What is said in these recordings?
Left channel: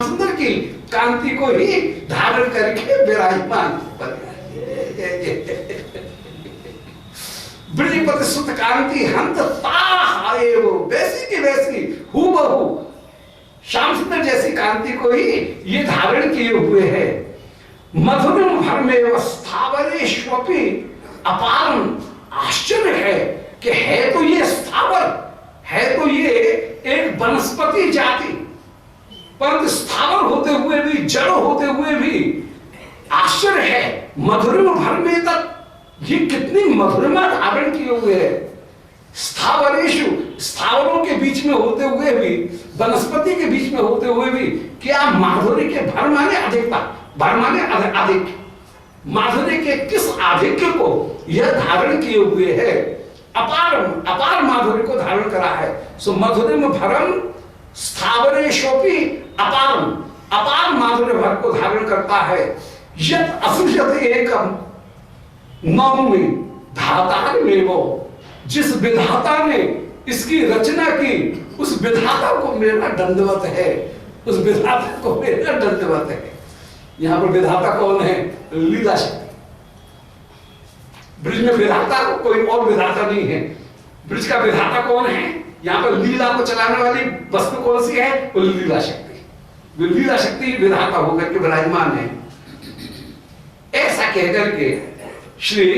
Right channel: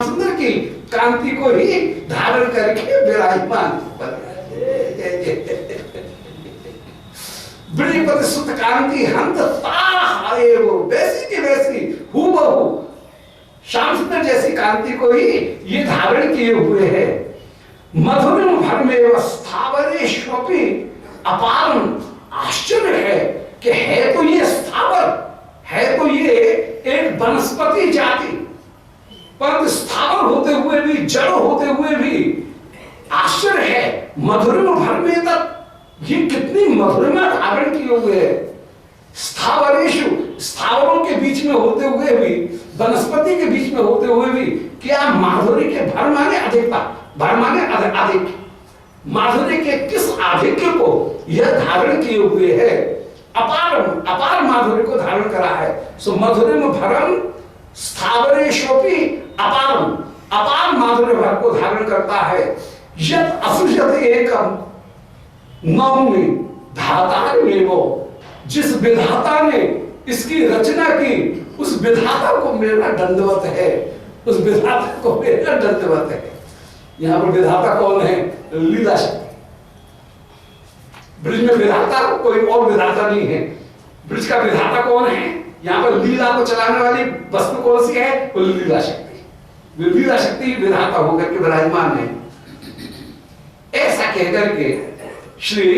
सुंदर की कांति को ही धारण करके विराजमान ब्रजपति सुत कांति हंत ताए वो वैसी की वैसी हूबहू श्याम सुंदर जैसी कांति को ही ये धारण किए हुए है। मधुरम भर में स्थावरेष्वपि अपारम आश्चर्य है कि है तो ये स्थावर, है तो ये एक वनस्पति जाति, परंतु स्थावर होते हुए भी, जड़ होते हुए भी आश्चर्य है। मधुरिमा भर में तक ये कितनी मधुरिमा धारण किए हुए है। स्थावरेशु, स्थावरों के बीच में होते हुए भी, वनस्पति के बीच में होते हुए भी क्या माधुर्य के भर माने अधिकता, भर माने अधिक, माधुर्य के किस आधिक्य को यह धारण किए हुए है। अपारम, अपार माधुर्य को धारण करा है। सो मधुरिम भरम स्थावरेशोपि अपारम, अपार माधुर्य भर को धारण करता है। यत असुजत एकम नौमी धातार में वो, जिस विधाता ने इसकी रचना की उस विधाता को मेरा दंडवत है, उस विधाता को मेरा दंडवत है। यहां पर विधाता कौन है? लीला शक्ति। ब्रिज में विधाता कोई और विधाता नहीं है। ब्रिज का विधाता कौन है? यहां पर लीला को चलाने वाली वस्तु कौन सी है? वो लीला शक्ति। लीला शक्ति विधाता होकर के विराजमान है। ऐसा कहकर के श्री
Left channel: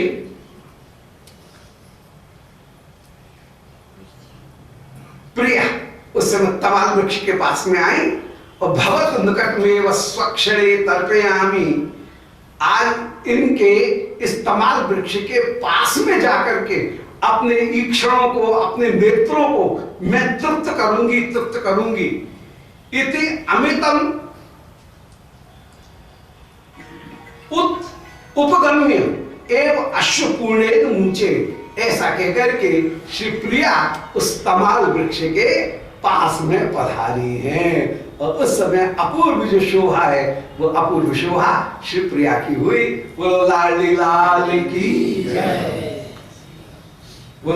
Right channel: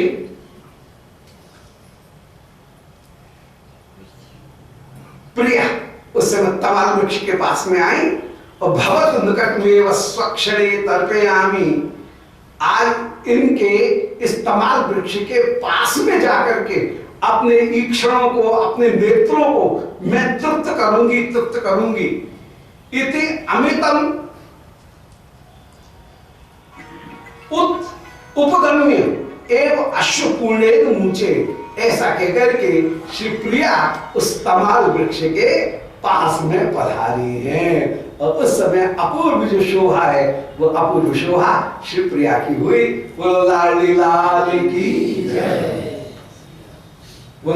प्रिया उस समय तमाल वृक्ष के पास में आई और भवत निकट में वह स्वक्षणे तर्पयामी, आज इनके इस तमाल वृक्ष के पास में जाकर के अपने ईक्षणों को, अपने नेत्रों को मैं तृप्त करूंगी, तृप्त करूंगी। इति अमितम उपगम्य एवं अश्वपूर्णेन मुचे, ऐसा कहकर के श्री प्रिया उस तमाल वृक्ष के पास में पधारी हैं। और उस समय अपूर्व जो शोभा है वो अपूर्व शोभा श्री प्रिया की हुई। वो लाली लाल की जय, वो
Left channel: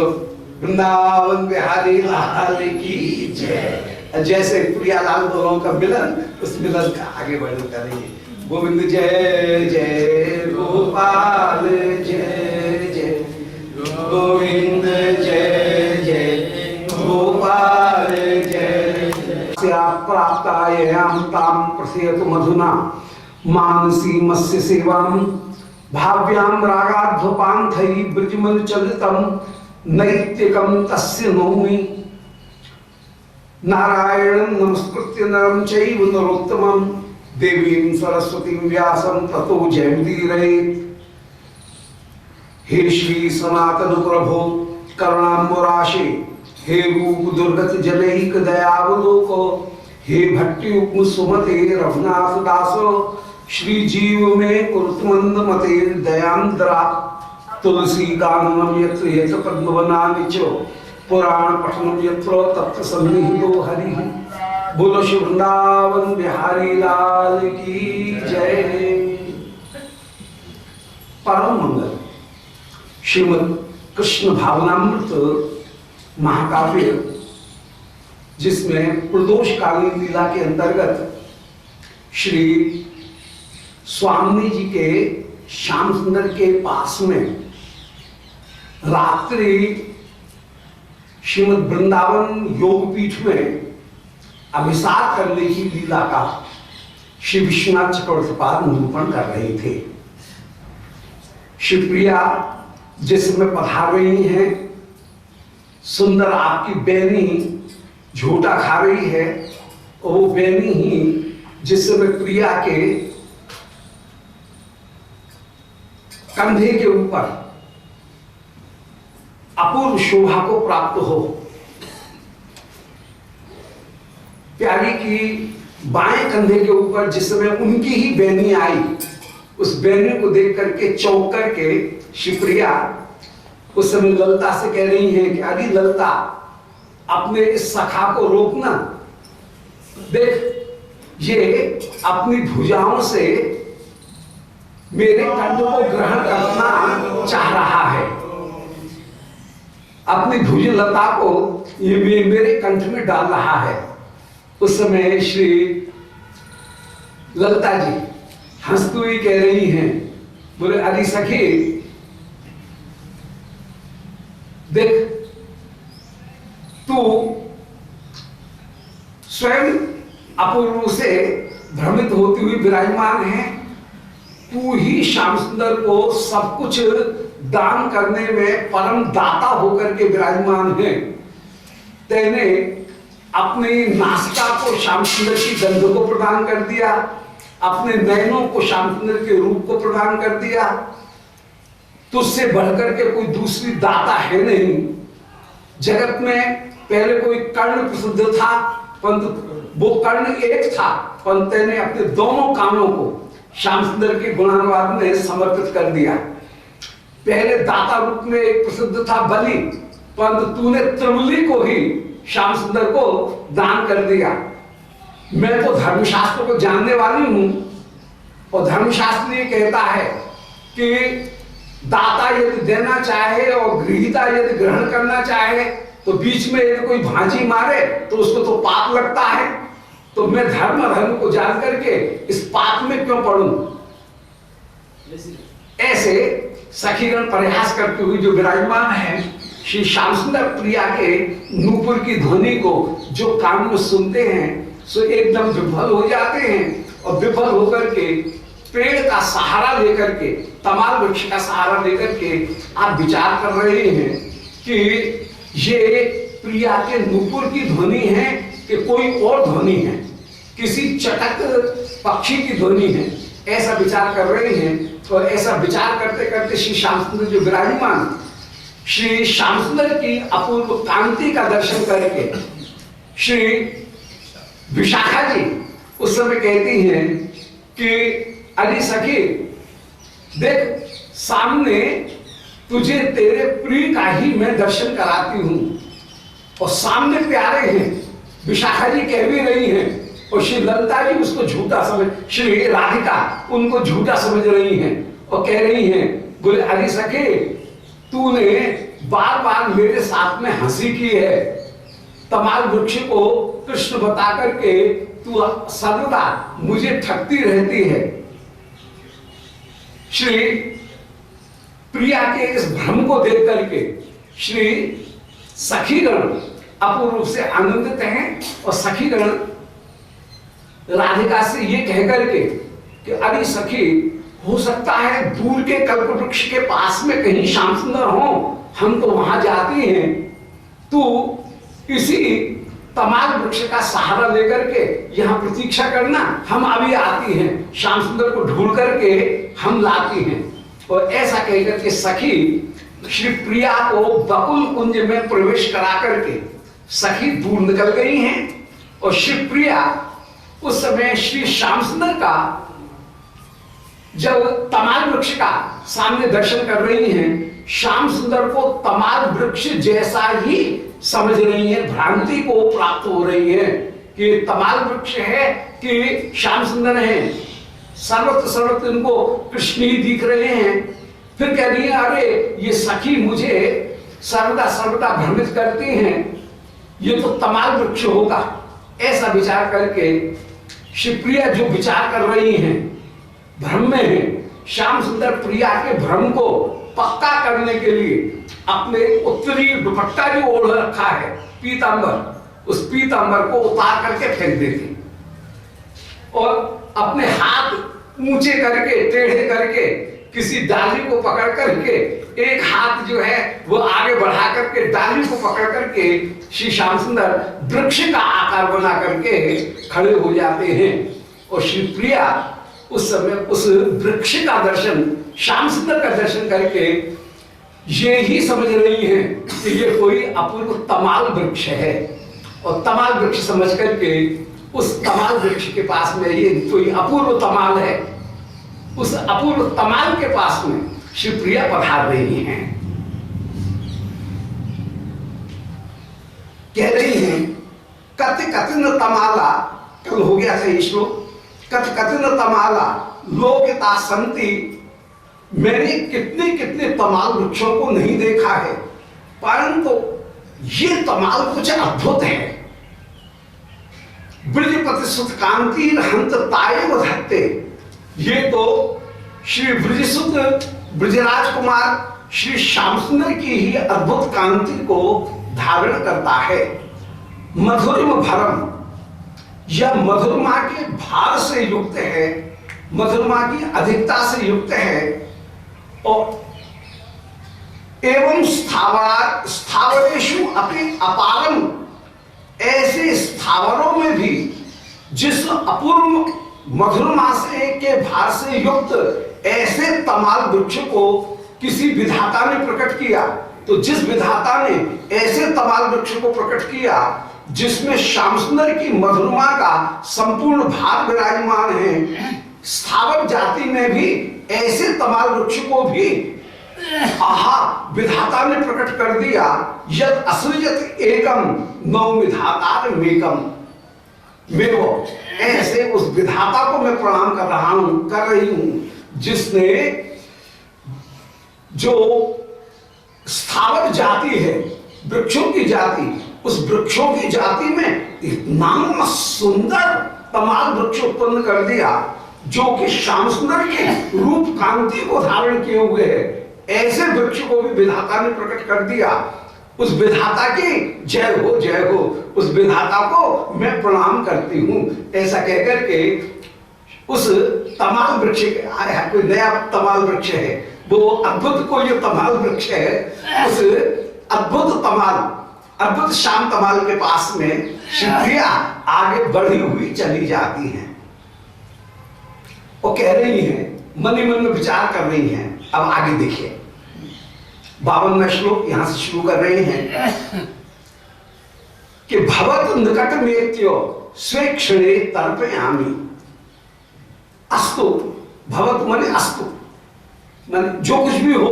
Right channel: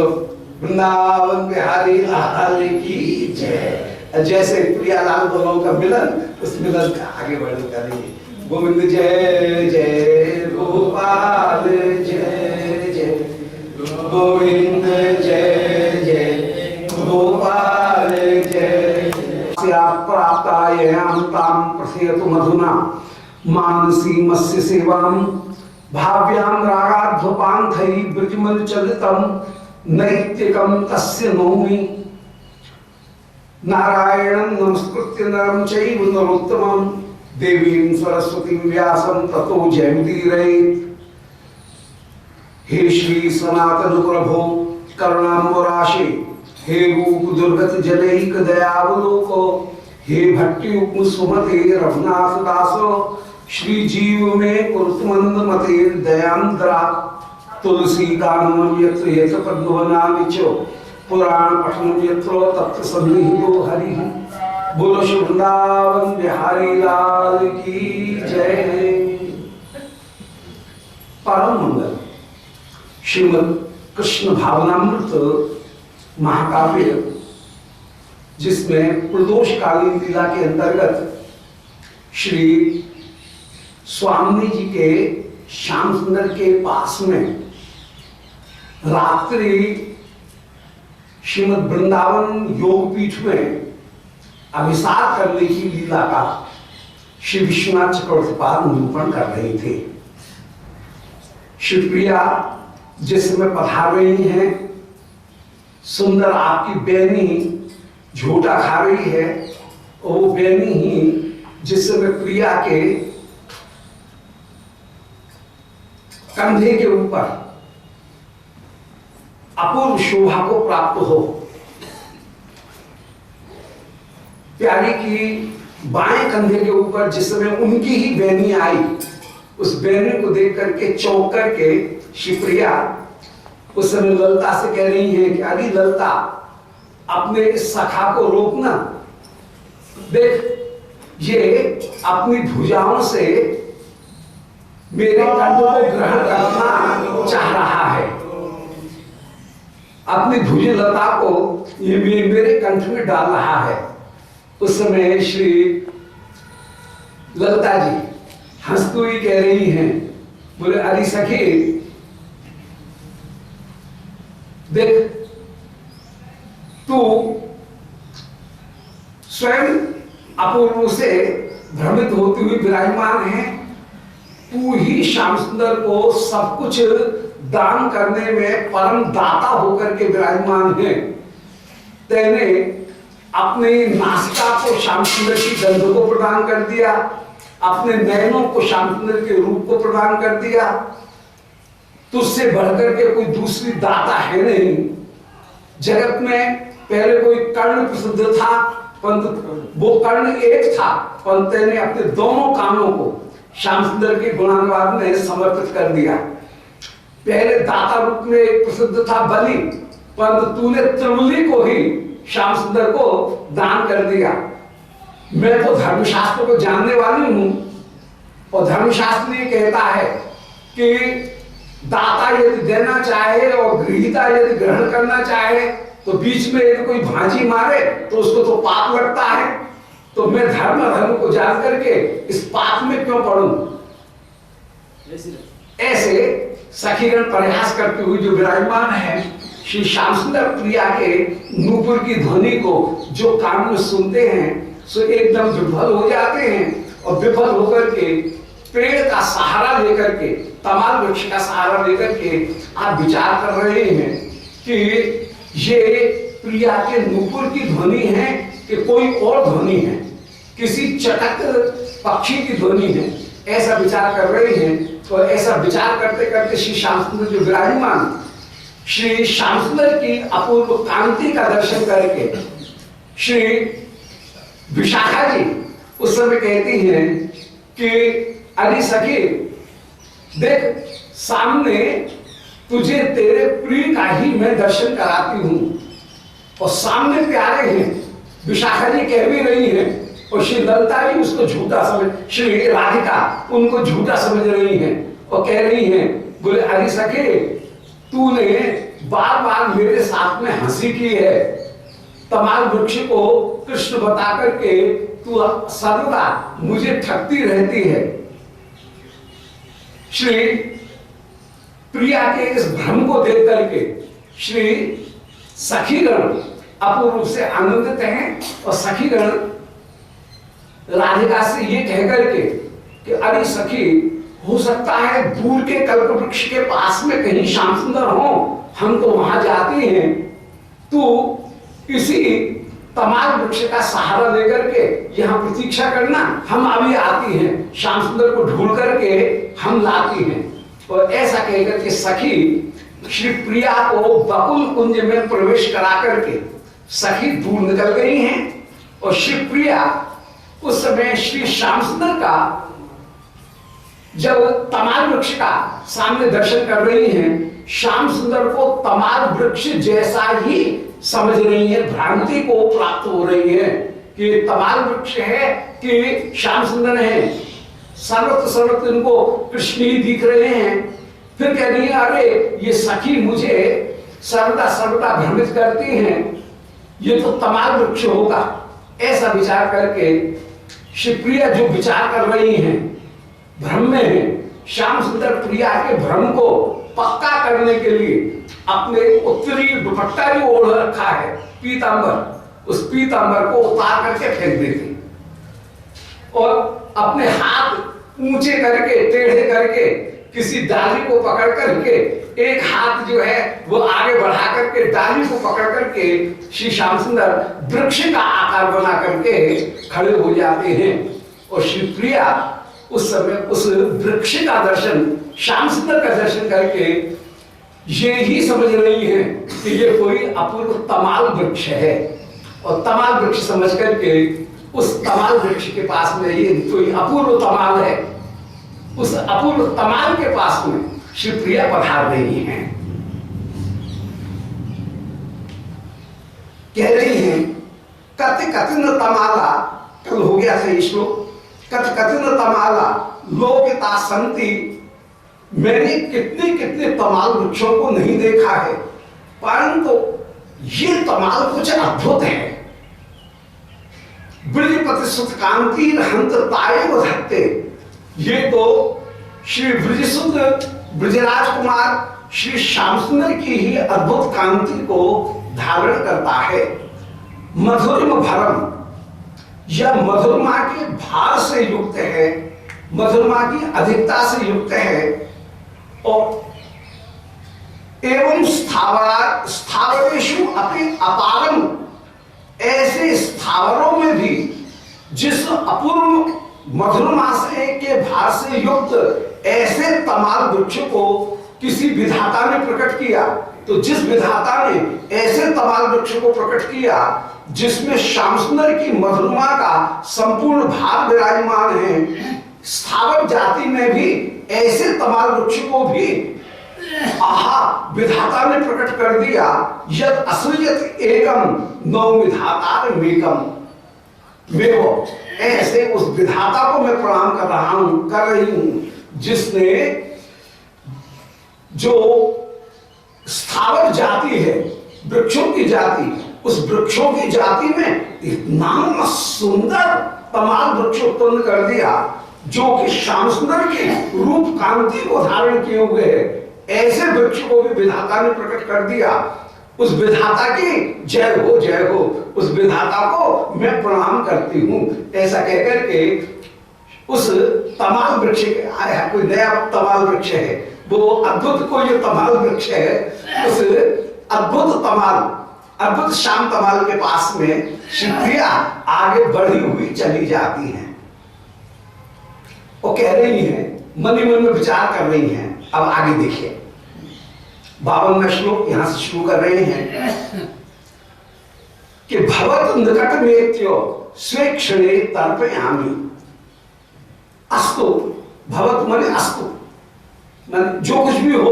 वृंदावन बिहारी लाल की जय। जैसे प्रिया लाल दोनों का मिलन, उस मिलन का आगे बढ़ करेंगे। गोविंद जय जय गोपाल जय जय गोविंद जय जय गोपाल जय। प्राप्तायाम ताम प्रसेतु मधुना मानसी मत्स्य सेवाम भाव्याम रागाध्वपांथई ब्रजमल चलितम नैतिकम तस्य नौमि। नारायणं नमस्कृत्य नरं चैव नरोत्तमं देवीं सरस्वतीं व्यासं ततो जयमुदीरयेत्। हे श्री सनातन प्रभो करुणाम्बुराशे, हे रूप दुर्गत जनैक दयावलोको, हे भट्टि सुमते रघुनाथ दासो, श्री जीव में कुरुतमंद मते दयांद्रा। तुलसी गानम यत्र यत्र पद्मवनानिचो, पुराण पठनम यत्र तत्र सन्निहितो हरिः। बोलो श्री वृंदावन बिहारी लाल की जय। परम मंगल श्रीमद् कृष्ण भावनामृत महाकाव्य, जिसमें प्रदोषकालीन लीला के अंतर्गत श्री स्वामी जी के श्याम सुंदर के पास में रात्रि श्रीमद् वृंदावन योगपीठ में अभिसार करने की लीला का श्री विश्वनाथ चक्रवर्ती पाद निरूपण कर रहे थे। शिवप्रिया जिस समय पधार रही है, सुंदर आपकी बेनी झूठा खा रही है, और वो बेनी ही जिस समय प्रिया के कंधे के ऊपर अपूर्व शोभा को प्राप्त हो। प्यारी की बाएं कंधे के ऊपर जिस समय उनकी ही बेनी आई, उस बेनी को देख करके चौंक करके शिवप्रिया उस समय ललता से कह रही है कि अरे ललता, अपने इस सखा को रोकना, देख ये अपनी भुजाओं से मेरे कंठ को ग्रहण करना चाह रहा है। अपनी भुज लता को ये मेरे कंठ में डाल रहा है। उस समय श्री ललता जी हंसती हुई कह रही हैं, बोले अरे सखी देख, तू स्वयं अपूर्व से भ्रमित होती हुई विराजमान है। तू ही श्याम सुंदर को सब कुछ दान करने में परम दाता होकर के विराजमान है। तेने अपनी नासिका को श्याम सुंदर की गंध को प्रदान कर दिया, अपने नयनों को श्याम सुंदर के रूप को प्रदान कर दिया। तुझसे बढ़कर के कोई दूसरी दाता है नहीं। जगत में पहले कोई कर्ण प्रसिद्ध था, परंतु वो कर्ण एक था, परंतु तेने अपने दोनों कानों को श्याम सुंदर के गुणानुवाद में समर्पित कर दिया। पहले दाता रूप में एक प्रसिद्ध था बलि, परंतु तूने त्रिवली को ही श्याम सुंदर को दान कर दिया। मैं तो धर्मशास्त्र को जानने वाली हूं, और धर्मशास्त्र ये कहता है कि दाता यदि देना चाहे और गृहीता यदि ग्रहण करना चाहे तो बीच में यदि कोई भांजी मारे तो उसको तो पाप लगता है। तो मैं धर्म को जान करके इस पाप में क्यों पढ़ूं? ऐसे सखीगण प्रयास करते हुए जो विराजमान है, श्री श्याम सुंदर प्रिया के नूपुर की ध्वनि को जो कान में सुनते हैं सो एकदम विफल हो जाते हैं, और विफल होकर के पेड़ का सहारा लेकर के, तमाल वृक्ष का सहारा लेकर के आप विचार कर रहे हैं कि ये प्रिया के नूपुर की ध्वनि है कि कोई और ध्वनि है, किसी चटक पक्षी की ध्वनि है, ऐसा विचार कर रहे हैं। तो ऐसा विचार करते करते श्री श्याम सुंदर जो विराजमान, श्री श्याम सुंदर की अपूर्व कांति का दर्शन करके श्री विशाखा जी उस समय कहती हैं कि अरे सखी देख, सामने तुझे तेरे प्रिय का ही मैं दर्शन कराती हूं, और सामने प्यारे हैं। विशाखा जी कह भी रही हैं, और श्री ललता जी उसको झूठा समझ, श्री राधिका उनको झूठा समझ रही हैं और कह रही हैं, बोले अरे सखी तूने बार बार मेरे साथ में हंसी की है, तमाल वृक्ष को कृष्ण बता करके तू सर्वदा मुझे ठगती रहती है। श्री प्रिया के इस भ्रम को देख करके श्री सखीगण अपूर्व रूप से आनंदित हैं, और सखीगण राधिका से ये कह करके कि अरे सखी हो सकता है दूर के कल्प वृक्ष के पास में कहीं श्याम सुंदर हो, हम तो वहां जाते हैं, तू इसी तमाल वृक्ष का सहारा लेकर के यहाँ प्रतीक्षा करना, हम अभी आती हैं, श्याम सुंदर को ढूंढ करके हम लाती हैं। और ऐसा कहकर के सखी श्री प्रिया को बकुल कुंज में प्रवेश करा करके सखी दूर निकल गई हैं, और श्री प्रिया उस समय श्री श्याम सुंदर का जब तमाल वृक्ष का सामने दर्शन कर रही हैं, श्याम सुंदर को तमाल वृक्ष जैसा ही समझ रही है, भ्रांति को प्राप्त हो रही है कि तमाल वृक्ष है कि श्याम सुंदर है। सर्वत्र सर्वत्र इनको कृष्ण ही दिख रहे हैं। फिर कह रही है अरे ये सखी मुझे सर्वदा सर्वदा भ्रमित करती हैं, ये तो तमाल वृक्ष होगा। ऐसा विचार करके शिवप्रिया जो विचार कर रही हैं, भ्रम में है, श्याम सुंदर प्रिया के भ्रम को पक्का करने के लिए अपने उत्तरी दुपट्टा जो ओढ़ रखा है पीतांबर, उस पीतांबर को उतार करके फेंक देती और अपने हाथ ऊंचे करके टेढ़े करके किसी डाली को पकड़ करके एक हाथ जो है वो आगे बढ़ा करके डाली को पकड़ करके श्री श्याम सुंदर वृक्ष का आकार बना करके खड़े हो जाते हैं। और श्री प्रिया उस समय उस वृक्ष का दर्शन, श्याम सुंदर का दर्शन करके ये ही समझ रही है कि ये कोई अपूर्व तमाल वृक्ष है, और तमाल वृक्ष समझ करके उस तमाल वृक्ष के पास में ये कोई अपूर्व तमाल है, उस अपूर्व तमाल के पास में शिवप्रिया पधार रही हैं। कह रही हैं कति कतिन तमाला, कल हो गया था ये श्लोक, कति कतिन तमाला लोकिता संति, मैंने कितने कितने तमाल वृक्षों को नहीं देखा है, परंतु ये तमाल कुछ अद्भुत है। ब्रजपति सुत कांति हंत ताये धत्ते, ये तो श्री ब्रजसुत ब्रजराज कुमार श्री श्याम सुंदर की ही अद्भुत कांति को धारण करता है। मधुरिम भरम, यह मधुरमा के भार से युक्त है, मधुरमा की अधिकता से युक्त है। और एवं स्थावरेषु अपि अपारम, ऐसे स्थावरों में भी जिस अपूर्व मधुरमा से के भार से युक्त ऐसे तमाल वृक्ष को किसी विधाता ने प्रकट किया, तो जिस विधाता ने ऐसे तमाल वृक्ष को प्रकट किया जिसमें श्याम सुंदर की मधुरमा का संपूर्ण भार विराजमान है, स्थावर जाति में भी ऐसे तमाल वृक्ष को भी आहा विधाता ने प्रकट कर दिया। यद असृजत एकम नौ विधाता मेकम, मेवो, ऐसे उस विधाता को मैं प्रणाम कर रहा हूं, कर रही हूं, जिसने जो स्थावर जाति है, वृक्षों की जाति, उस वृक्षों की जाति में इतना सुंदर तमाल वृक्ष उत्पन्न कर दिया जो कि श्याम सुंदर के रूप कांति को धारण किए हुए है। ऐसे वृक्ष को भी विधाता ने प्रकट कर दिया। उस विधाता की जय हो, जय हो, उस विधाता को मैं प्रणाम करती हूं। ऐसा कहकर के उस तमाल वृक्ष, आया कोई नया तमाल वृक्ष है, वो अद्भुत कोई जो तमाल वृक्ष है, उस अद्भुत तमाल, अद्भुत श्याम तमाल के पास में शिवप्रिया आगे बढ़ी हुई चली जाती हैं। वो कह रही हैं, मन ही मन में विचार कर रही हैं। अब आगे देखिए 52वां श्लोक यहां से शुरू कर रहे हैं कि भवत निकट मेत्यो स्वेक्षणे तर्पयामि। अस्तु, भवत माने अस्तु, माने जो कुछ भी हो,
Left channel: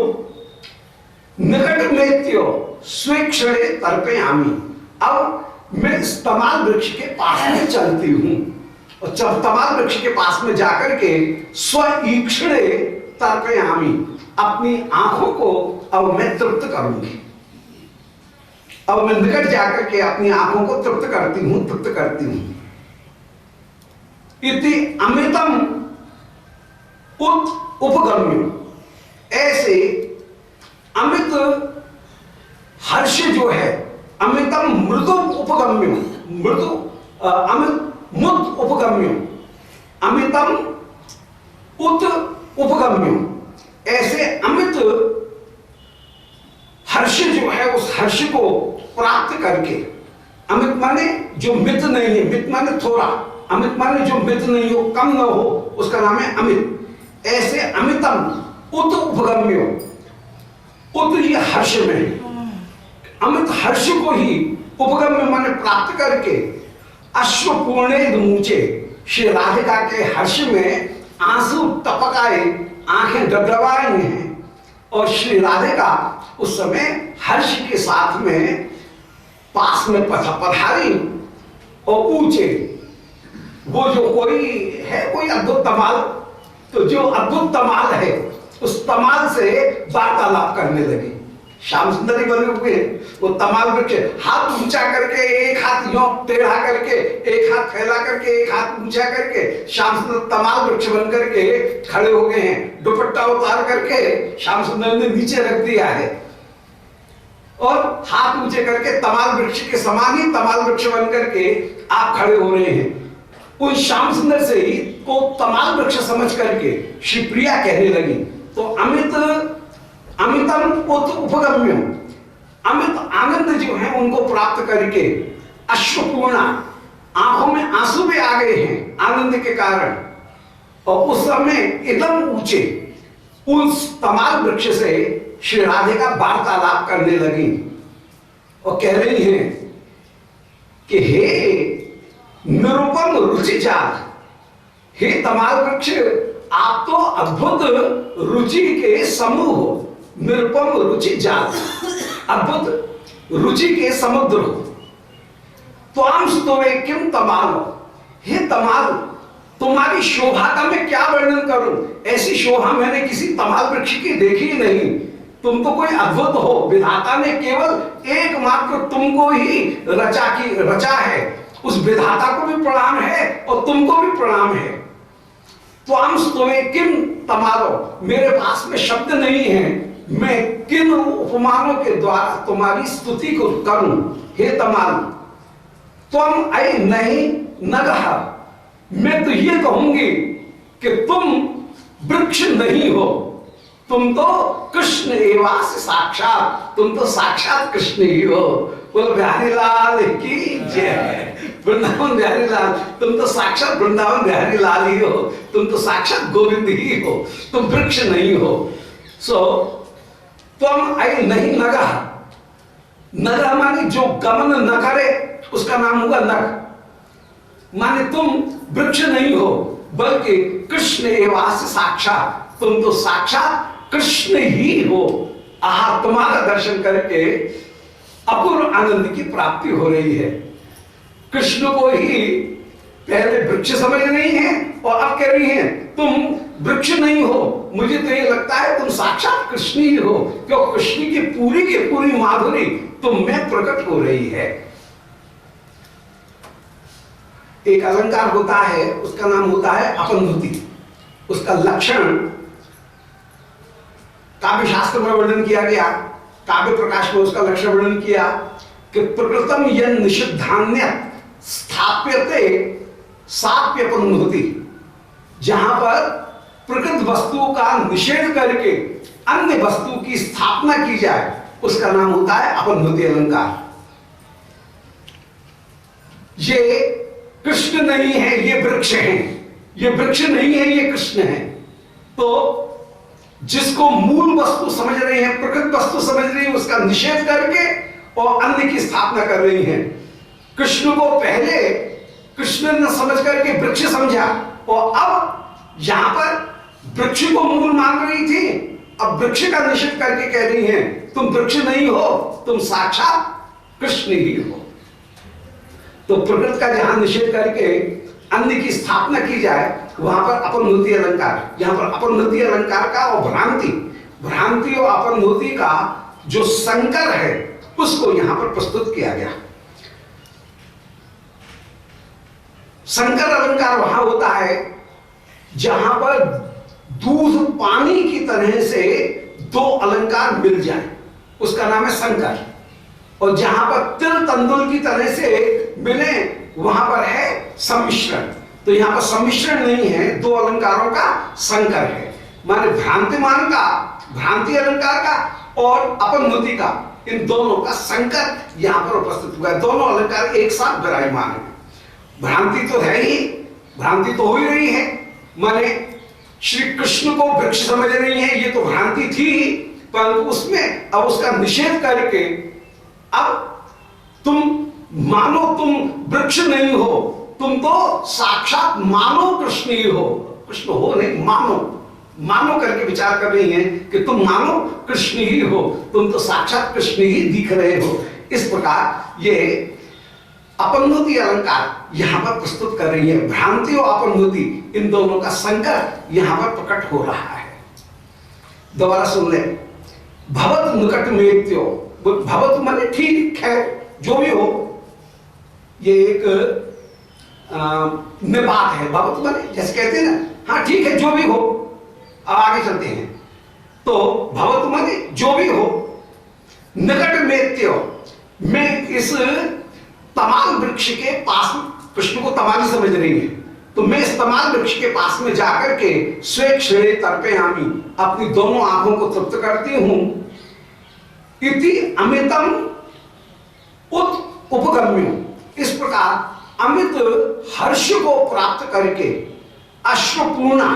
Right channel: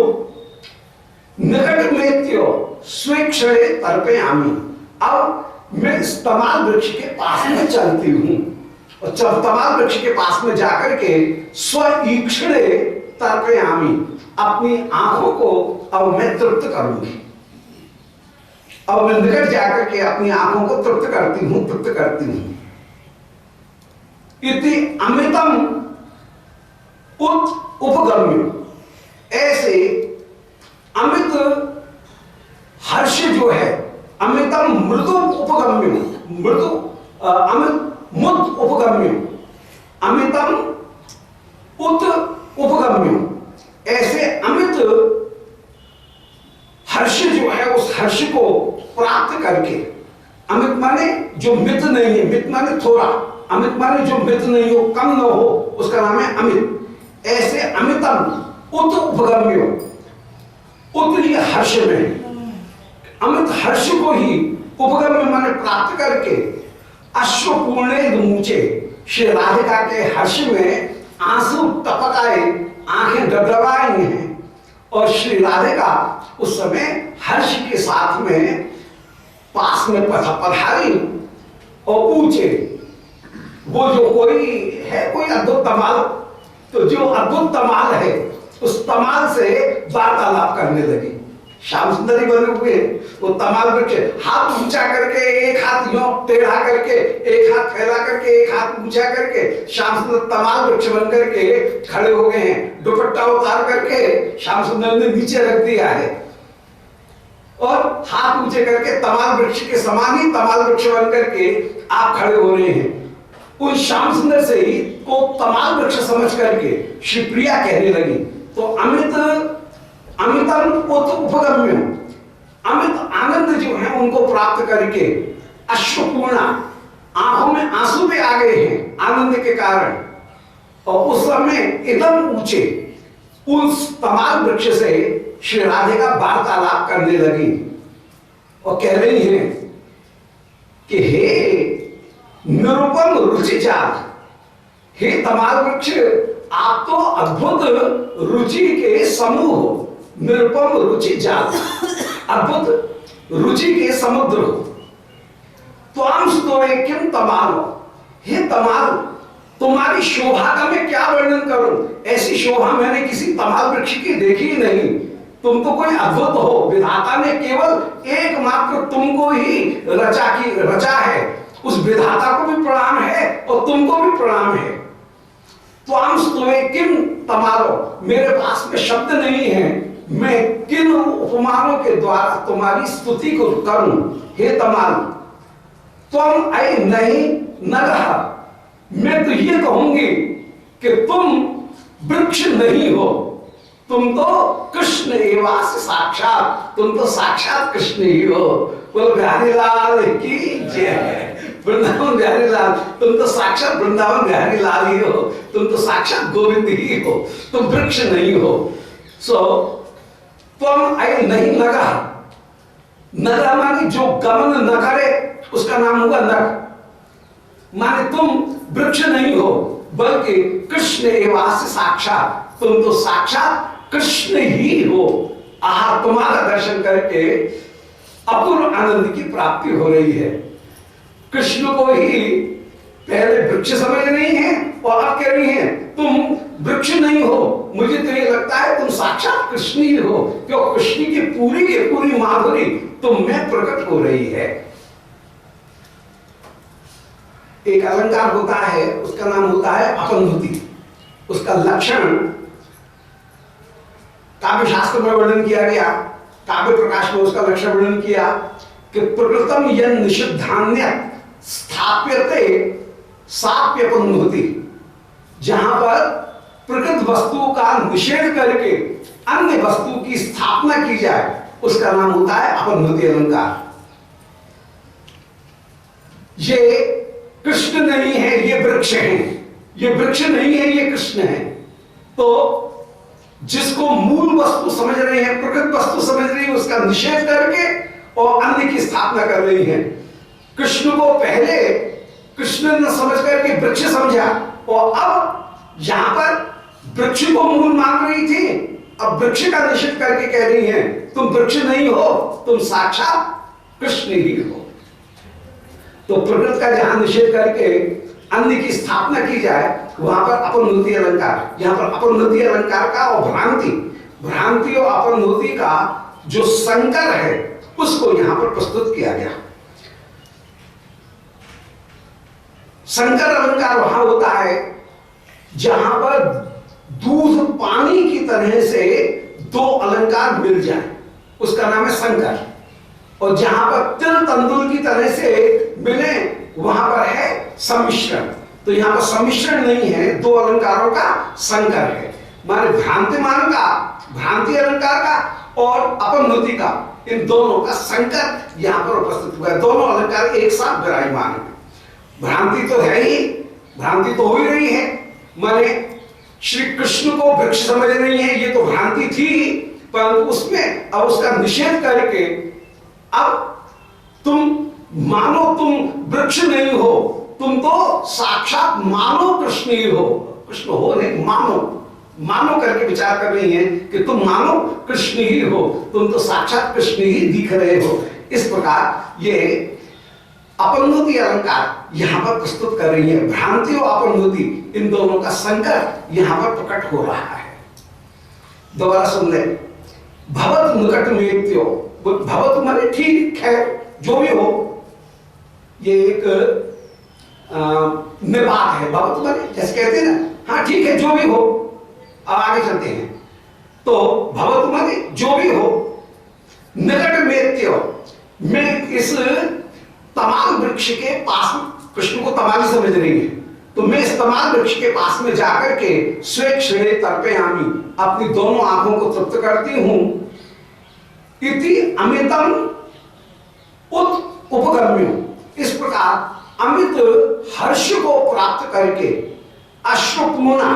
निकट मेत्यो स्वेक्षणे तर्पयामि। अब मैं इस तमाल वृक्ष के पास में चलती हूं और जब तमाल वृक्ष के पास में जाकर के स्वीक्षणे तर्पयामि, अपनी आंखों को अब मैं तृप्त करूंगी। अब मैं निकट जाकर के अपनी आंखों को तृप्त करती हूं, तृप्त करती हूं। इति अमृतम उत उपगम्य, ऐसे अमृत हर्ष जो है, अमृतम मृदु उपगम्य, मृदु अमृत मुद उपगम्य, अमृतम उत उपगम्य, ऐसे अमृत हर्ष जो है उस हर्ष को प्राप्त करके, अमृत माने जो मित नहीं है, मित माने थोड़ा, अमृत माने जो मित नहीं हो, कम न हो, उसका नाम है अमित। ऐसे अमितम उत उपगम्यो, उत ये हर्ष में, अमित हर्ष को ही उपगम्य माने प्राप्त करके अश्वपूर्णे मुचे, श्री राधिका के हर्ष में आंसू टपक आए, आंखें डबडबाई हैं और श्री राधिका उस समय हर्ष के साथ में पास में पधारी और पूछे, वो जो कोई है कोई अद्भुत तमाल, तो जो अद्भुत तमाल है उस तमाल से वार्तालाप करने लगी। श्याम सुंदरी बने हुए वो तमाल वृक्ष, हाथ ऊंचा करके, एक हाथ यों टेढ़ा करके, एक हाथ फैला करके, एक हाथ ऊंचा करके श्याम सुंदर तमाल वृक्ष बन करके खड़े हो गए हैं। दुपट्टा उतार करके श्याम सुंदर ने नीचे रख दिया है और हाथ ऊंचे करके तमाल वृक्ष के समान ही तमाल वृक्ष बन करके आप खड़े हो रहे हैं। उन श्याम सुंदर से ही को तमाल वृक्ष समझ करके शिवप्रिया कहने लगी, तो अमृत अमितम उपगम्य, अमित आनंद जो है उनको प्राप्त करके अश्वपूर्णा, आंखों में आंसू भी आ गए हैं आनंद के कारण। और उस समय एकदम ऊंचे उस तमाल वृक्ष से श्री राधिका वार्तालाप करने लगी और कह रही हैं कि हे निरुपम रुचि जात, हे तमाल वृक्ष आप तो अद्भुत रुचि के समूह हो, निरुपम रुचि जात, अद्भुत रुचि के समुद्र हो। त्वाम स्तोवे किम तमाल, हे तमाल तुम्हारी शोभा का मैं क्या वर्णन करूं, ऐसी शोभा मैंने किसी तमाल वृक्ष की देखी ही नहीं। तुम तो कोई अद्भुत हो, विधाता ने केवल एकमात्र तुमको ही रचा है उस विधाता को भी प्रणाम है और तुमको भी प्रणाम है। त्वाम स्तुवे किम तमारो, मेरे पास में शब्द नहीं है, मैं किन उपमानों के द्वारा तुम्हारी स्तुति को करूं। हे तमाल, तुम आई नहीं नगह, मैं तो ये कहूंगी कि तुम वृक्ष नहीं हो, तुम तो कृष्ण एवास साक्षात, तुम तो साक्षात कृष्ण ही हो। बोलो बिहारी लाल की जय, वृंदावन बिहारी लाल, तुम तो साक्षात वृंदावन बिहारी लाल ही हो, तुम तो साक्षात गोविंद ही हो, तुम वृक्ष नहीं हो। सो तुम आई नहीं नगा, नगा माने जो गमन न करे उसका नाम हुआ नग, माने तुम वृक्ष नहीं हो बल्कि कृष्ण एवास साक्षात, तुम तो साक्षात कृष्ण ही हो। आहा, तुम्हारा दर्शन करके अपूर्व आनंद की प्राप्ति हो रही है। कृष्ण को ही पहले वृक्ष समझ रही है और अब कह रही है तुम वृक्ष नहीं हो, मुझे तो ये लगता है तुम साक्षात कृष्ण ही हो, क्यों कृष्ण की पूरी माधुरी तुम में प्रकट हो रही है। एक अलंकार होता है, उसका नाम होता है अपनधुति। उसका लक्षण काव्य शास्त्र में वर्णन किया गया, काव्य प्रकाश में उसका लक्षण वर्णन किया कि प्रकृतम यन निषिद्धान्य स्थाप्यते साप्यपनधुति, जहां पर प्रकृत वस्तु का निषेध करके अन्य वस्तु की स्थापना की जाए उसका नाम होता है अपनधुति अलंकार। ये कृष्ण नहीं है, ये वृक्ष है, ये वृक्ष नहीं है, ये कृष्ण है। तो जिसको मूल वस्तु समझ रहे हैं, प्रकृत वस्तु समझ रही है, उसका निषेध करके और अन्य की स्थापना कर रही है। कृष्ण को पहले कृष्ण ने समझ करके वृक्ष समझा और अब यहां पर वृक्ष को मूल मान रही थी, अब वृक्ष का निषेध करके कह रही है तुम वृक्ष नहीं हो, तुम साक्षात कृष्ण ही हो। तो प्रकृति का जहां निषेध करके अन्य की स्थापना की जाए वहां पर अपनधुति अलंकार, यहां पर अपनधुति अलंकार का और भ्रांति और अपनधुति का जो संकर है उसको यहां पर प्रस्तुत किया गया। संकर अलंकार वहां होता है जहां पर दूध पानी की तरह से दो अलंकार मिल जाए, उसका नाम है संकर। और जहां पर तिल तंदुल की तरह से मिले वहां पर है सम्मिश्रण। तो यहां पर सम्मिश्रण नहीं है, दो अलंकारों का संकर है, माने भ्रांतिमान का, भ्रांति अलंकार का और अपनधुति का, इन दोनों का संकर यहां पर उपस्थित हुआ है। दोनों अलंकार एक साथ विराजमान है। भ्रांति तो है ही, भ्रांति तो हो ही रही है, माने श्री कृष्ण को वृक्ष समझ रही है, ये तो भ्रांति थी, परंतु उसमें अब उसका निषेध करके अब तुम मानो तुम वृक्ष नहीं हो, तुम तो साक्षात मानो कृष्ण ही हो। कृष्ण हो नहीं, मानो करके विचार कर रही है कि तुम मानो कृष्ण ही हो, तुम तो साक्षात कृष्ण ही दिख रहे हो। इस प्रकार ये अपनधुति अलंकार यहां पर प्रस्तुत कर रही है। भ्रांति और अपनधुति इन दोनों का संकर यहां पर प्रकट हो रहा है। दोबारा सुन ले, भवत निकट मेत्यो, भवत माने ठीक है, जो भी हो, ये एक निपात है। भवत माने जैसे कहते हैं ना, हाँ ठीक है जो भी हो। अब आगे चलते हैं। तो भवत माने जो भी हो, निकट मेत्यो, मैं इस तमाल वृक्ष के पास, कृष्ण को तमाली समझ रही है, तो मैं इस तमाल वृक्ष के पास में जाकर के स्वेक्षणे तर्पयामि, अपनी दोनों आंखों को तृप्त करती हूं। इति अमितम उपगम्य, इस प्रकार अमित हर्ष को प्राप्त करके अश्रुपूर्णा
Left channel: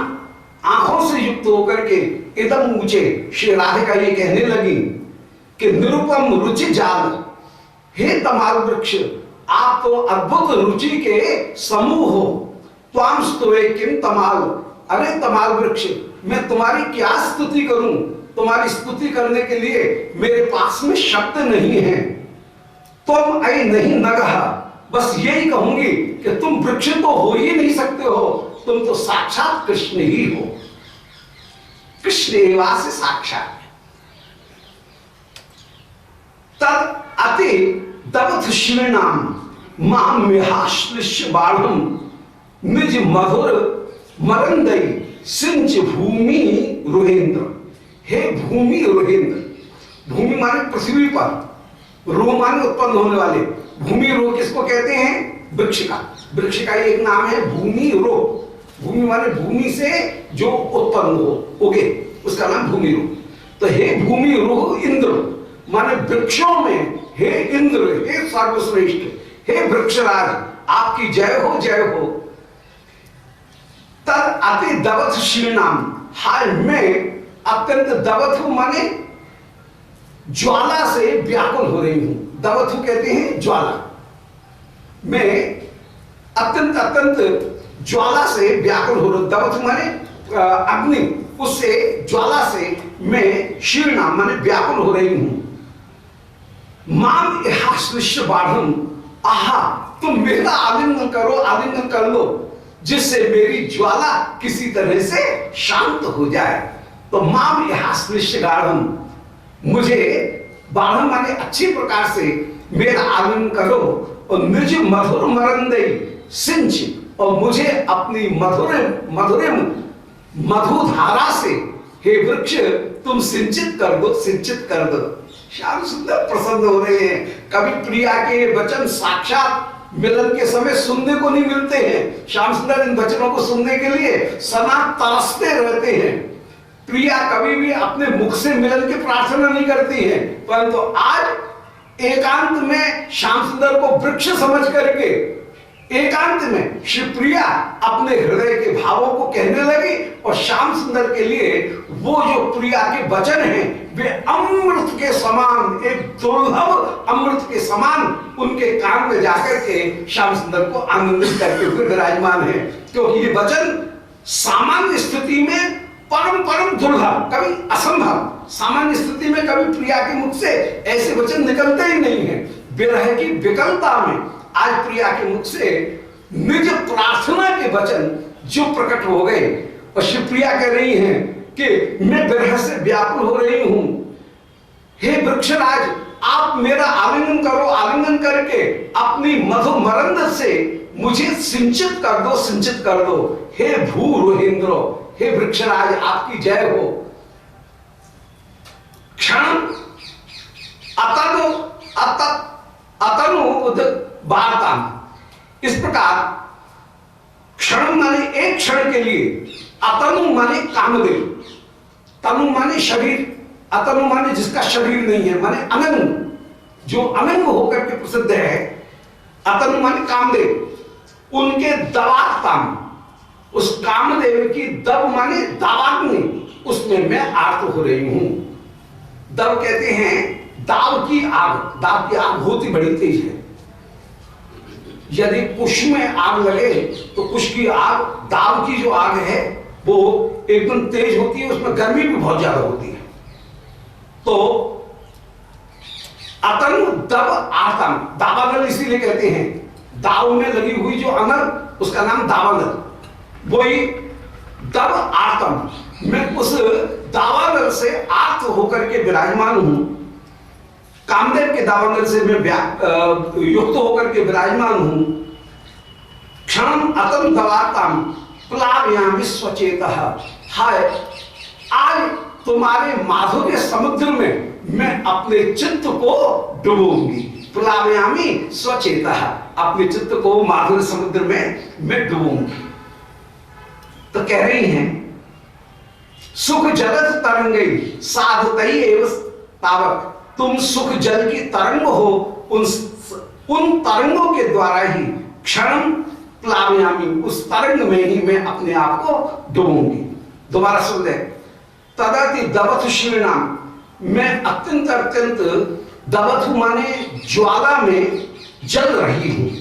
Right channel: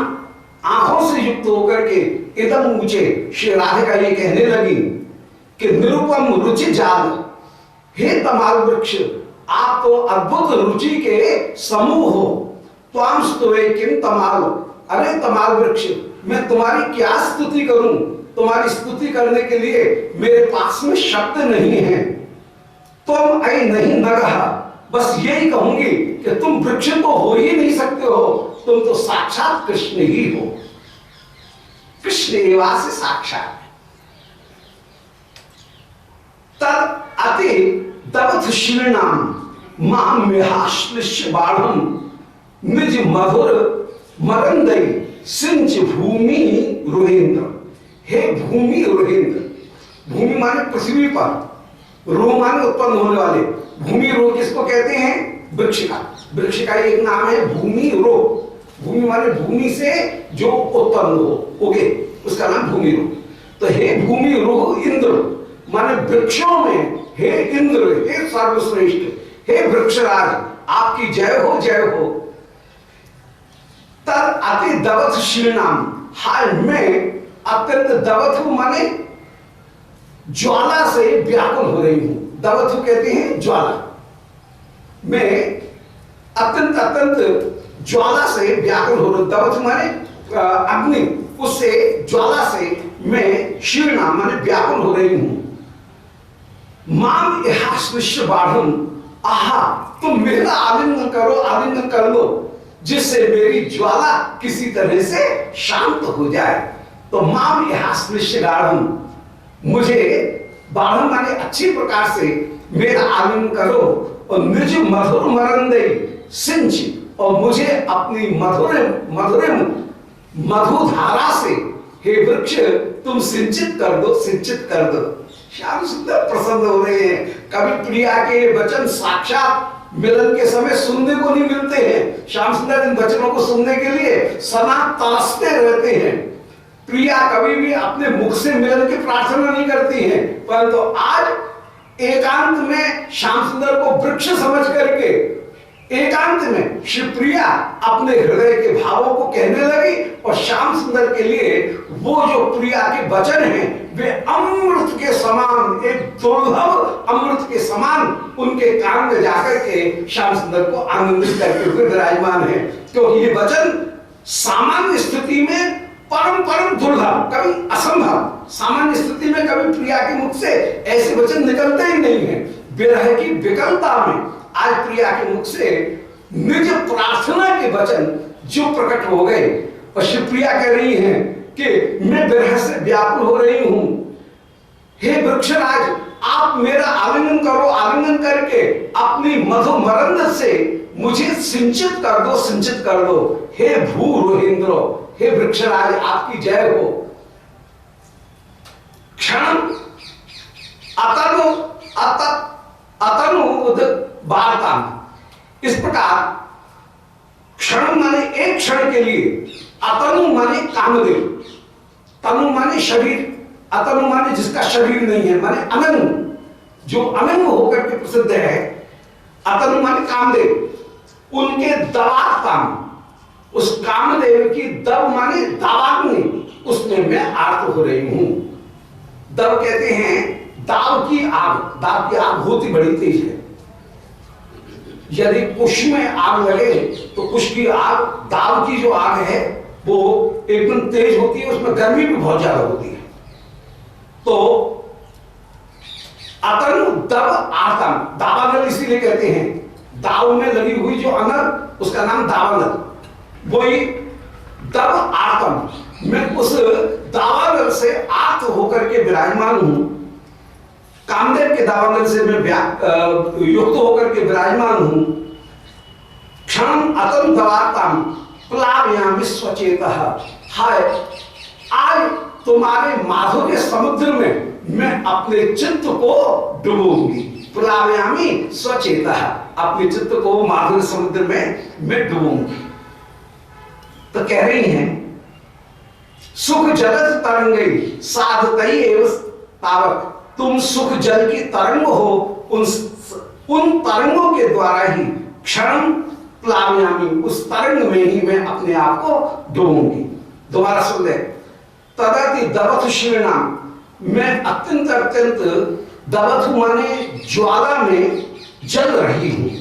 आंखों से युक्त होकर के इदम मुझे श्री राधिका ये कहने लगी कि निरुपम रुचि जाल, हे तमाल वृक्ष आप तो अद्भुत रुचि के समूह हो। त्वाम स्तुवे किम तमाल, अरे तमाल वृक्ष मैं तुम्हारी क्या स्तुति करूं, तुम्हारी स्तुति करने के लिए मेरे पास में शब्द नहीं है। तुम ऐ नहीं नगह, बस यही कहूंगी कि तुम वृक्ष तो हो ही नहीं सकते हो, तुम तो साक्षात कृष्ण ही हो। कृष्ण एवास्य साक्षात। तद अति दवथ शीर्णाम, मां मेहाश्लिष्य बाढ़म निज मधुर मरंदई सिंच भूमि रोहेंद्र। हे भूमि रोहेंद्र, भूमि माने पृथ्वी पर, रो माने उत्पन्न होने वाले। भूमि रो किसको कहते हैं? वृक्ष का। वृक्ष का एक नाम है भूमि रो। भूमि माने भूमि से जो उत्पन्न हो, उगे, उसका नाम भूमि रो। तो हे भूमि रो इंद्र माने वृक्षों में हे इंद्र, हे सर्वश्रेष्ठ, हे वृक्षराज, आपकी जय हो, जय हो। तद अति दवथ शीर्णाम, हाय मैं अत्यंत दवथ माने ज्वाला से व्याकुल हो रही हूं। दवथ कहते हैं ज्वाला। मैं अत्यंत अत्यंत ज्वाला से व्याकुल हो रही हूं। दवथ माने अग्नि, उससे ज्वाला से मैं शीर्णा माने व्याकुल हो रही हूं। माम इहास्विश्य बाढ़म, आहा तुम मेरा आलिंगन करो, आलिंगन कर लो, जिससे मेरी ज्वाला किसी तरह से शांत हो जाए। तो माम इहास्विश्य बाढ़म, मुझे बाढ़म माने अच्छी प्रकार से मेरा आलिंगन करो, और निज मधुर मरंदई सिंच, और मुझे अपनी मधुर मधुधारा से हे वृक्ष तुम सिंचित कर दो, सिंचित कर दो। श्याम सुंदर प्रसन्न हो रहे हैं। कभी प्रिया के वचन साक्षात मिलन के समय सुनने को नहीं मिलते हैं। श्याम सुंदर इन वचनों को सुनने के लिए सदा तरसते रहते हैं। प्रिया कभी भी अपने मुख से मिलन की प्रार्थना नहीं करती है, परंतु आज एकांत में श्याम सुंदर को वृक्ष समझ करके एकांत में शिवप्रिया अपने हृदय के भावों को कहने लगी, और श्याम सुंदर के लिए वो जो प्रिया के वचन हैं वे अमृत के समान, एक दुर्लभ अमृत के समान उनके कान में जाकर के श्याम सुंदर को आनंदित करते हुए विराजमान है। क्योंकि ये वचन सामान्य स्थिति में परम परम दुर्लभ, कभी असंभव, सामान्य स्थिति में कभी प्रिया के मुख से ऐसे वचन निकलते ही नहीं है। विरह की विकलता में आज प्रिया के मुख से निज प्रार्थना के वचन जो प्रकट हो गए, और शिवप्रिया कह रही हैं कि मैं विरह से व्याकुल हो रही हूं। हे वृक्षराज, आप मेरा आलिंगन करो, आलिंगन करके अपनी मधु मरंद से मुझे सिंचित कर दो, सिंचित कर दो। हे भू रोहेंद्रो, हे वृक्षराज, आपकी जय हो। क्षण अतनु वार्ता, इस प्रकार क्षण माने एक क्षण के लिए, अतनु माने कामदेव, तनु माने शरीर, अतनु माने जिसका शरीर नहीं है, माने अनंग, जो अनंग होकर के प्रसिद्ध है। अतनु माने कामदेव, उनके दवात्म, उस कामदेव की दव माने दावाग्नि, उसमें मैं आर्त हो रही हूं। दव कहते हैं दाव की आग। दाव की आग होती बड़ी तेज है। यदि कुश में आग लगे तो कुश की आग, दाव की जो आग है वो एकदम तेज होती है, उसमें गर्मी भी बहुत ज्यादा होती है। तो अतनु दव आतन, दावानल इसीलिए कहते हैं, दाव में लगी हुई जो अनल उसका नाम दावानल, वही दव आतन। मैं उस दावानल से आर्त होकर के विराजमान हूं। कामदेव के दावानल से मैं युक्त होकर के विराजमान हूं। क्षण अतम दवाताम प्लावयामि स्वचेतः, हाय आज तुम्हारे माधुर्य समुद्र में मैं अपने चित्त को डुबोऊंगी। प्लावयामि स्वचेतः, अपने चित्त को माधुर्य समुद्र में मैं डुबोऊंगी। तो कह रही हैं सुख जलद तरंगई साधतई एव तावक, तुम सुख जल की तरंग हो, उन तरंगों के द्वारा ही क्षण प्लावयामी, उस तरंग में ही मैं अपने आप को डूबूंगी। दोबारा सुन ले, तदति दवथ शीर्णा, मैं अत्यंत अत्यंत, दवथ माने ज्वाला में जल रही हूं।